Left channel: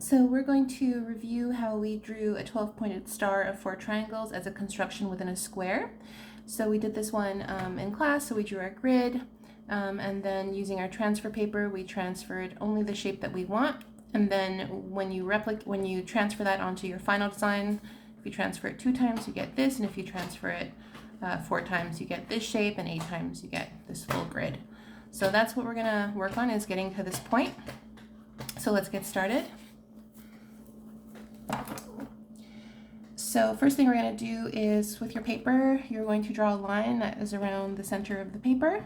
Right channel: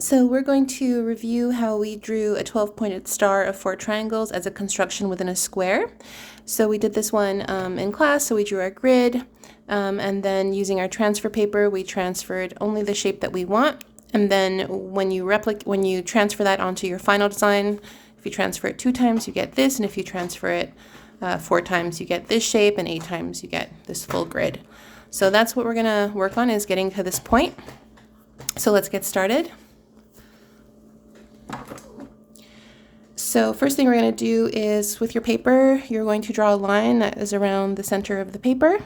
So we're going to review how we drew a 12-pointed star of 4 triangles as a construction within a square. So we did this one in class, so we drew our grid, and then using our transfer paper, we transferred only the shape that we want. And then when you transfer that onto your final design, if you transfer it 2 times, you get this, and if you transfer it 4 times, you get this shape, and 8 times, you get this full grid. So that's what we're gonna work on, is getting to this point. So let's get started. So first thing we're going to do is, with your paper, you're going to draw a line that is around the center of the paper.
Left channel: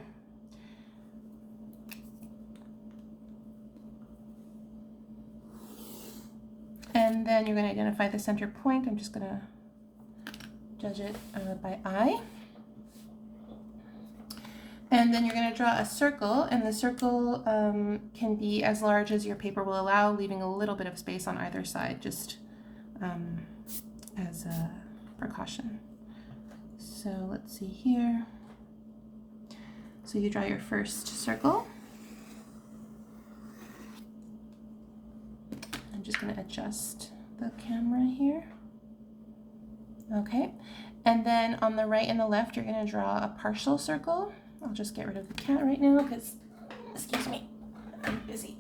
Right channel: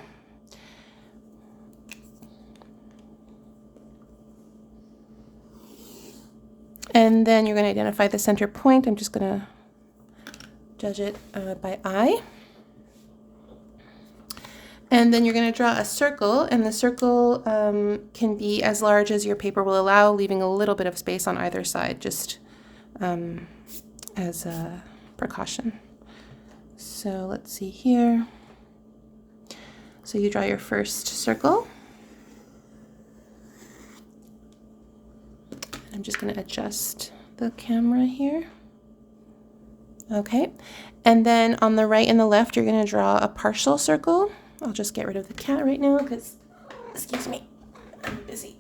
And then you're going to identify the center point. I'm just going to judge it by eye. And then you're going to draw a circle, and the circle can be as large as your paper will allow, leaving a little bit of space on either side, just as a precaution. So let's see here. So you draw your first circle. I'm just going to adjust the camera here. Okay, and then on the right and the left, you're going to draw a partial circle. I'll just get rid of the cat right now because, excuse me, I'm busy.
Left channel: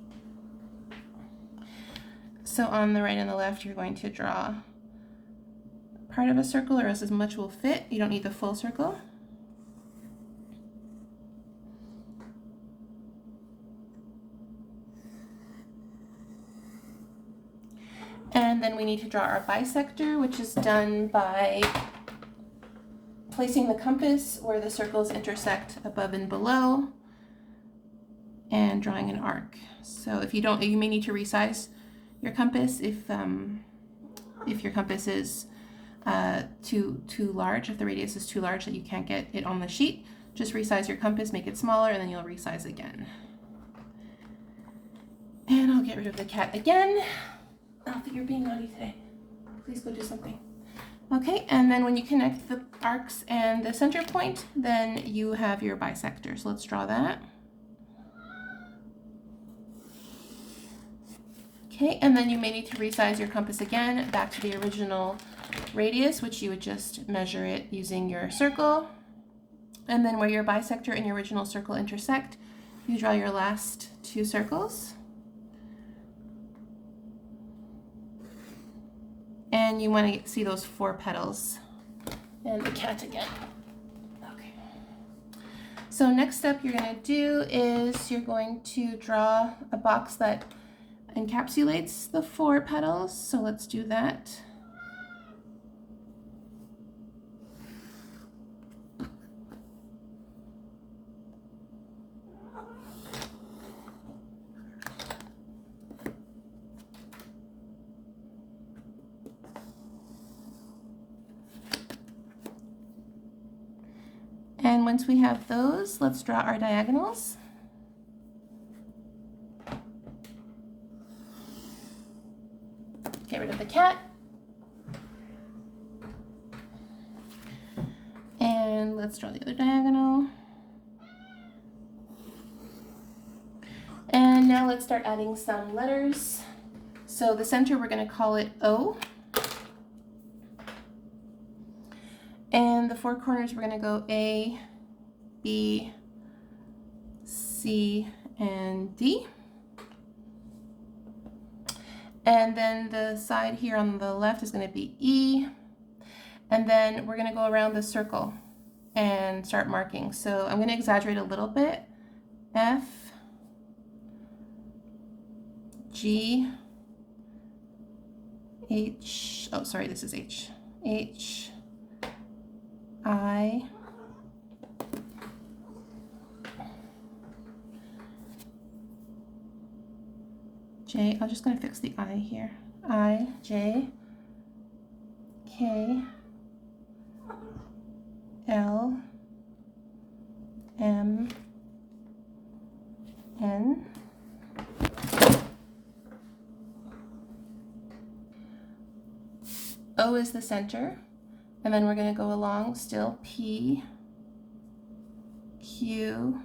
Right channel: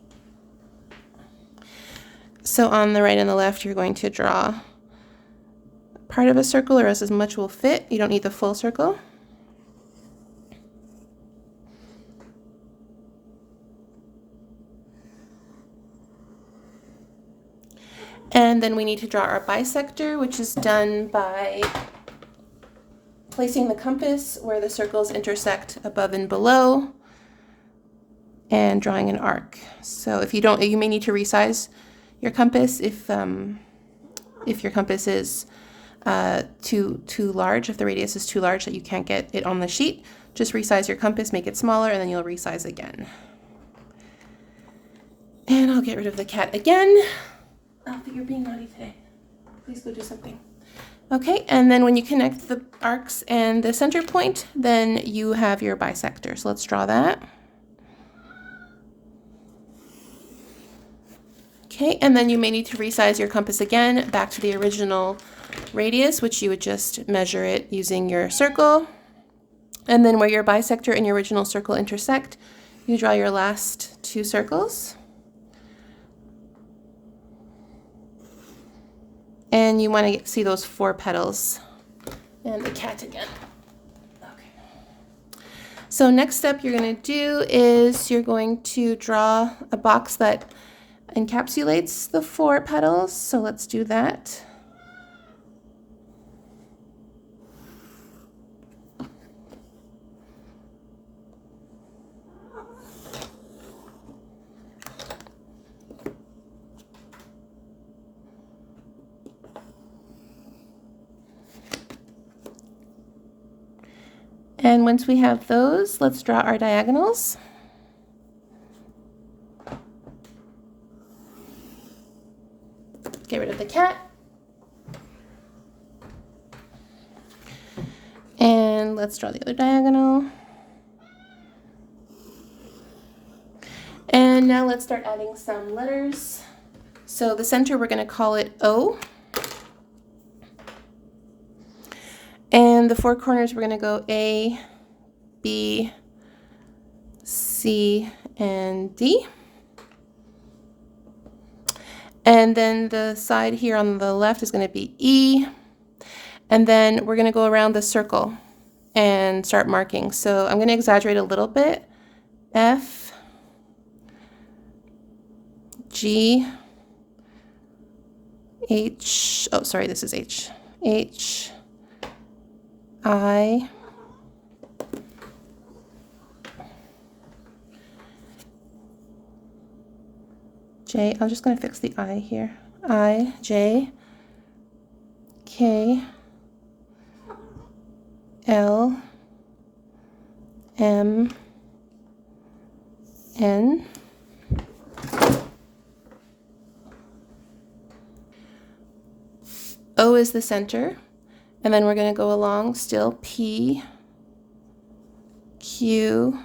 So on the right and the left, you're going to draw part of a circle, or as much will fit. You don't need the full circle. And then we need to draw our bisector, which is done by placing the compass where the circles intersect above and below and drawing an arc. So if you don't, you may need to resize your compass if your compass is too large, if the radius is too large that you can't get it on the sheet. Just resize your compass, make it smaller, and then you'll resize again. And I'll get rid of the cat again. Alpha, you're being naughty today. Please go do something. Okay, and then when you connect the arcs and the center point, then you have your bisector. So let's draw that. Okay, and then you may need to resize your compass again back to the original radius, which you would just measure it using your circle. And then where your bisector and your original circle intersect, you draw your last 2 circles. And you want to see those 4 petals. And the cat again. Okay. So next step you're going to do is you're going to draw a box that encapsulates the 4 petals. So let's do that. And once we have those, let's draw our diagonals. Get rid of the cat. And let's draw the other diagonal. And now let's start adding some letters. So the center, we're going to call it O. And the 4 corners, we're going to go A, B, C, and D. And then the side here on the left is going to be E. And then we're going to go around the circle and start marking. So I'm going to exaggerate a little bit. F, G, H, oh, sorry, this is H. H, I, J, I'm just going to fix the I here. I, J, K, L, M, N, O is the center. And then we're going to go along still P, Q,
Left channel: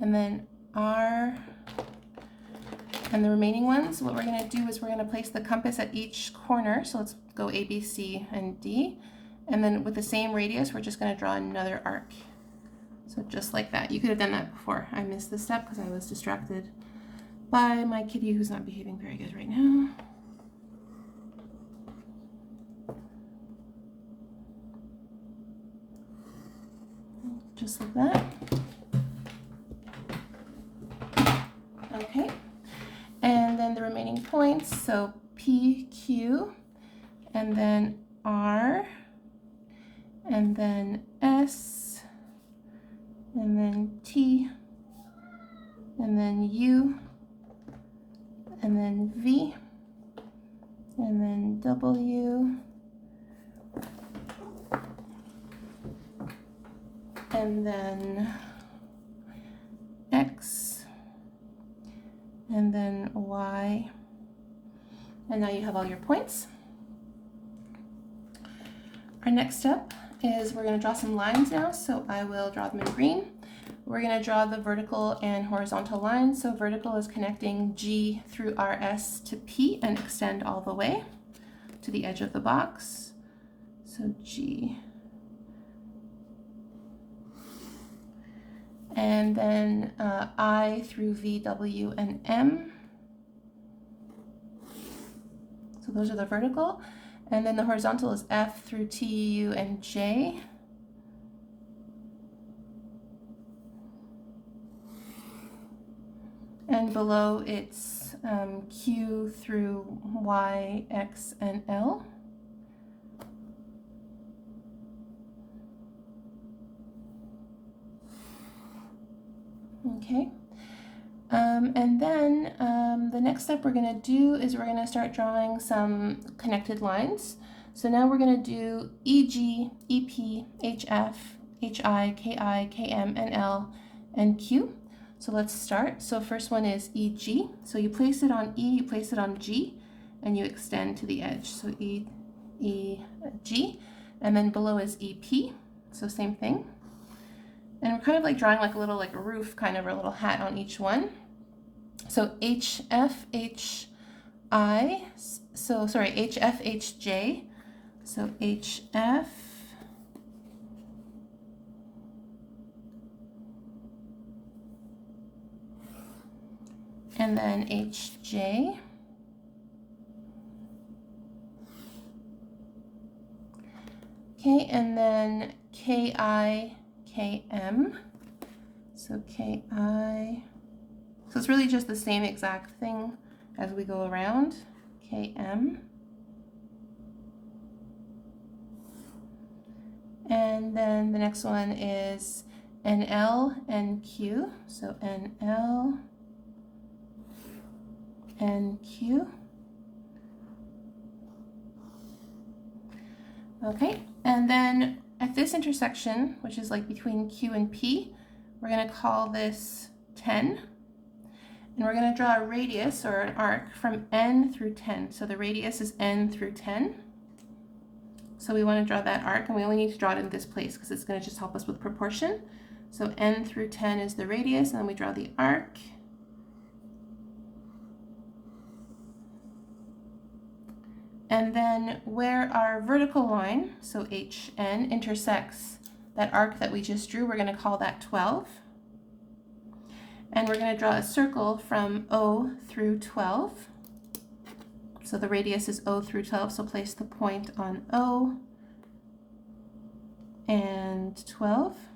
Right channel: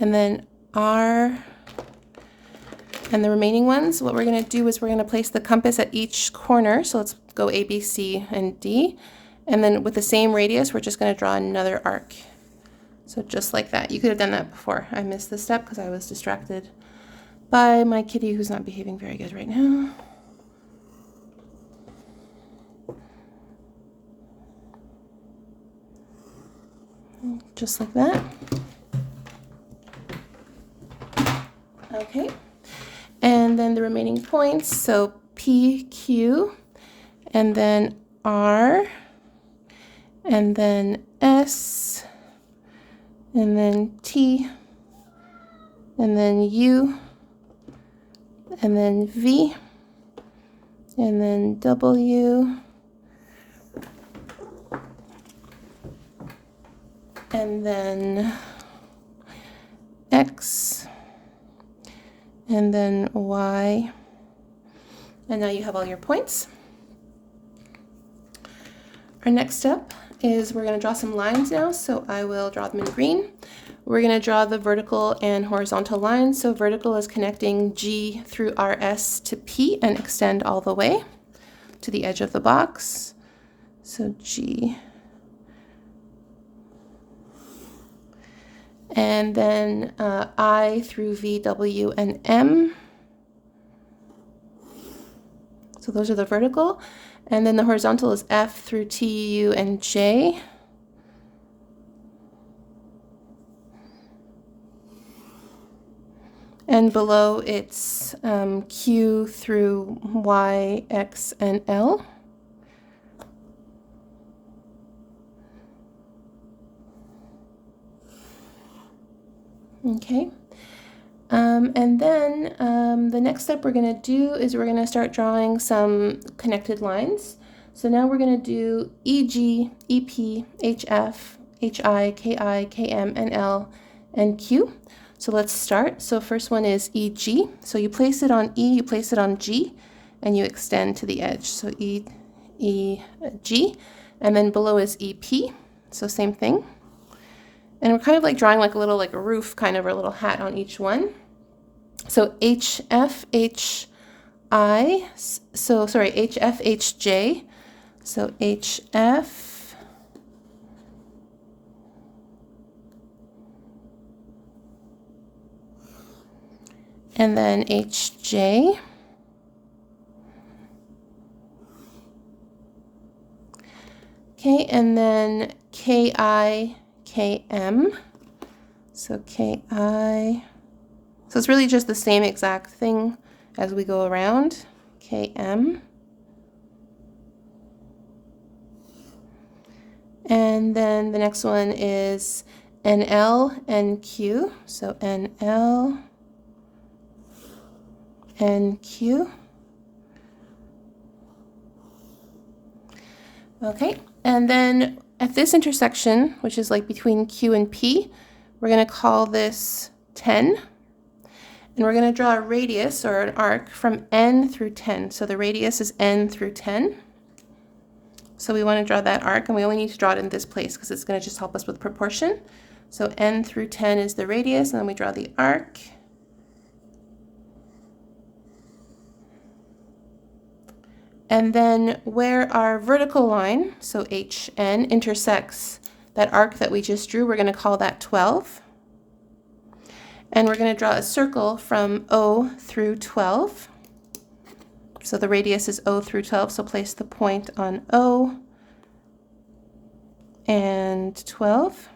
and then R, And the remaining ones, what we're going to do is we're going to place the compass at each corner. So let's go A, B, C, and D. And then with the same radius, we're just going to draw another arc. So just like that. You could have done that before. I missed this step because I was distracted by my kitty who's not behaving very good right now. Just like that. Okay. And then the remaining points, so P, Q, and then R, and then S, and then T, and then U, and then V, and then W, and then X, and then Y, and now you have all your points. Our next step is we're going to draw some lines now, so I will draw them in green. We're going to draw the vertical and horizontal lines. So vertical is connecting G through RS to P and extend all the way to the edge of the box. So G. And then I through V, W, and M. So those are the vertical. And then the horizontal is F through T, U, and J. And below it's Q through Y, X, and L. Okay. And then the next step we're going to do is we're going to start drawing some connected lines. So now we're going to do EG, EP, HF, HI, KI, KM, and L, and Q. So let's start. So first one is EG. So you place it on E, you place it on G, and you extend to the edge. So E, G. And then below is EP. So same thing. And we're kind of like drawing like a little like a roof kind of, or a little hat on each one. So HF, HI, so sorry, HF, HJ. So HF. And then HJ. Okay, and then KI, KM. So KI. So it's really just the same exact thing as we go around. KM. And then the next one is NL, NQ. So NL, NQ. Okay, and then at this intersection, which is like between Q and P, we're going to call this 10. And we're going to draw a radius or an arc from N through 10. So the radius is N through 10. So we want to draw that arc, and we only need to draw it in this place because it's going to just help us with proportion. So N through 10 is the radius, and then we draw the arc. And then where our vertical line, so HN, intersects that arc that we just drew, we're going to call that 12. And we're going to draw a circle from O through 12. So the radius is O through 12, so place the point on O and 12.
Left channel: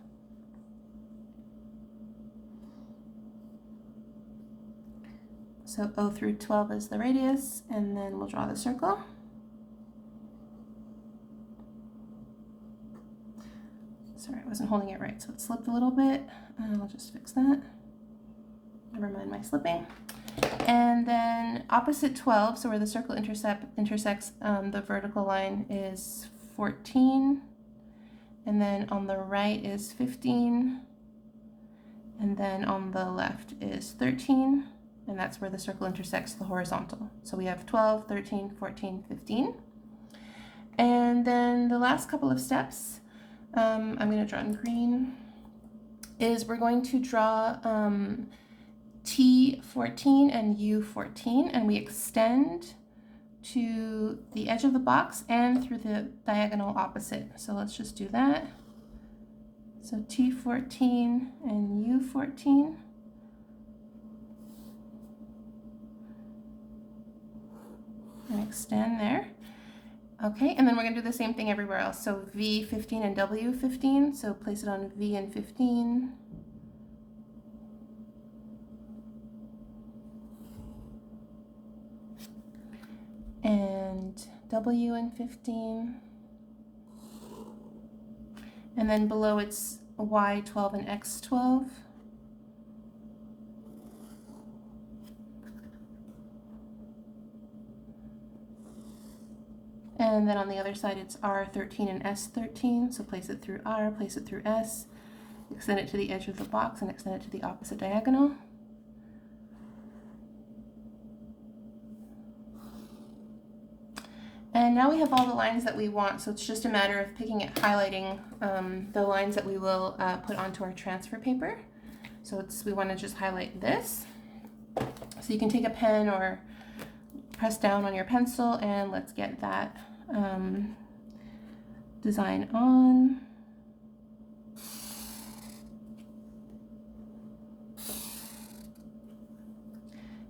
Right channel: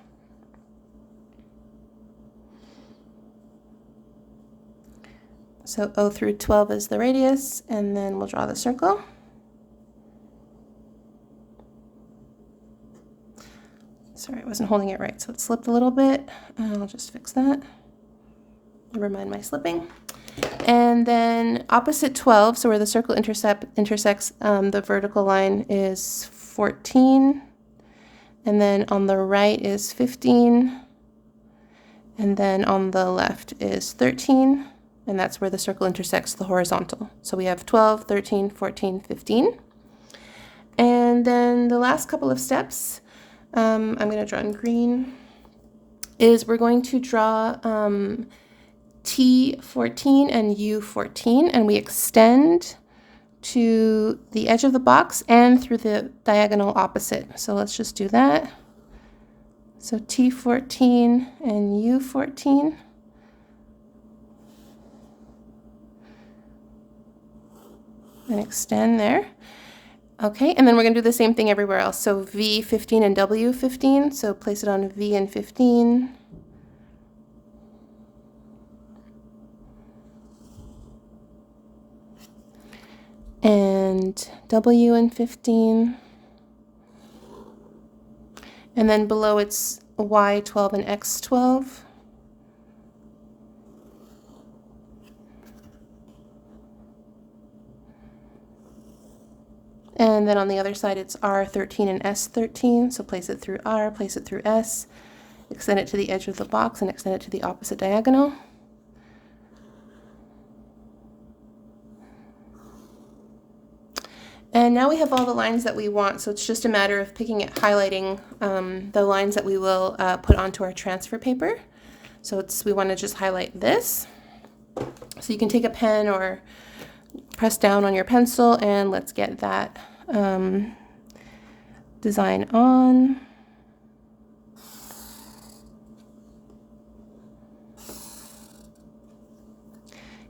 So O through 12 is the radius, and then we'll draw the circle. Sorry, I wasn't holding it right, so it slipped a little bit. I'll just fix that. Never mind my slipping. And then opposite 12, so where the circle intersects the vertical line is 14. And then on the right is 15. And then on the left is 13. And that's where the circle intersects the horizontal. So we have 12, 13, 14, 15. And then the last couple of steps, I'm going to draw in green, is we're going to draw T14 and U14, and we extend to the edge of the box and through the diagonal opposite. So let's just do that. So T14 and U14. And extend there. Okay, and then we're going to do the same thing everywhere else. So V15 and W15, so place it on V and 15. And W and 15. And then below it's Y12 and X12. And then on the other side, it's R13 and S13. So place it through R, place it through S, extend it to the edge of the box, and extend it to the opposite diagonal. And now we have all the lines that we want, so it's just a matter of picking it, highlighting the lines that we will put onto our transfer paper. So we want to just highlight this. So you can take a pen or press down on your pencil, and let's get that design on.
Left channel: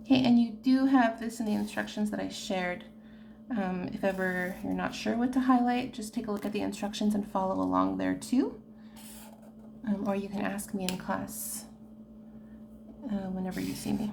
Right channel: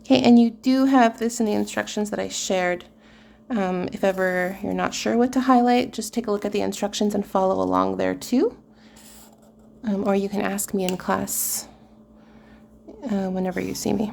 Okay, and you do have this in the instructions that I shared. If ever you're not sure what to highlight, just take a look at the instructions and follow along there too. Or you can ask me in class whenever you see me.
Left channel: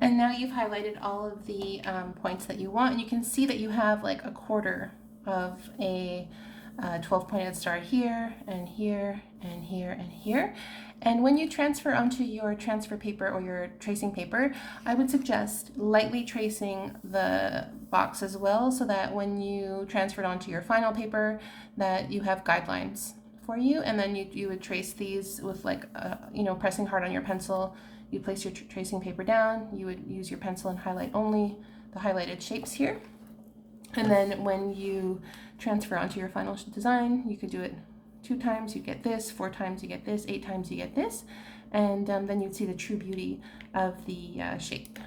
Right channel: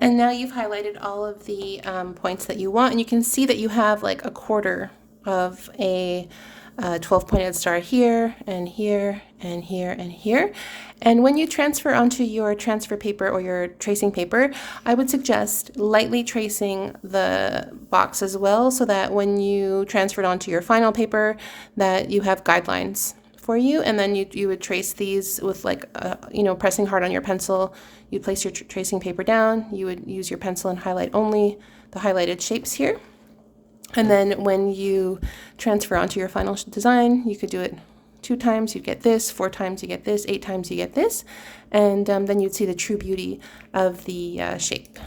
And now you've highlighted all of the points that you want, and you can see that you have like a quarter of a 12-pointed star here, and here, and here, and here. And when you transfer onto your transfer paper or your tracing paper, I would suggest lightly tracing the box as well, so that when you transfer it onto your final paper, that you have guidelines for you. And then you would trace these with like, pressing hard on your pencil. You'd place your tracing paper down, you would use your pencil and highlight only the highlighted shapes here. And then when you transfer onto your final design, you could do it 2 times, you get this, 4 times, you get this, 8 times, you get this. And then you'd see the true beauty of the shape.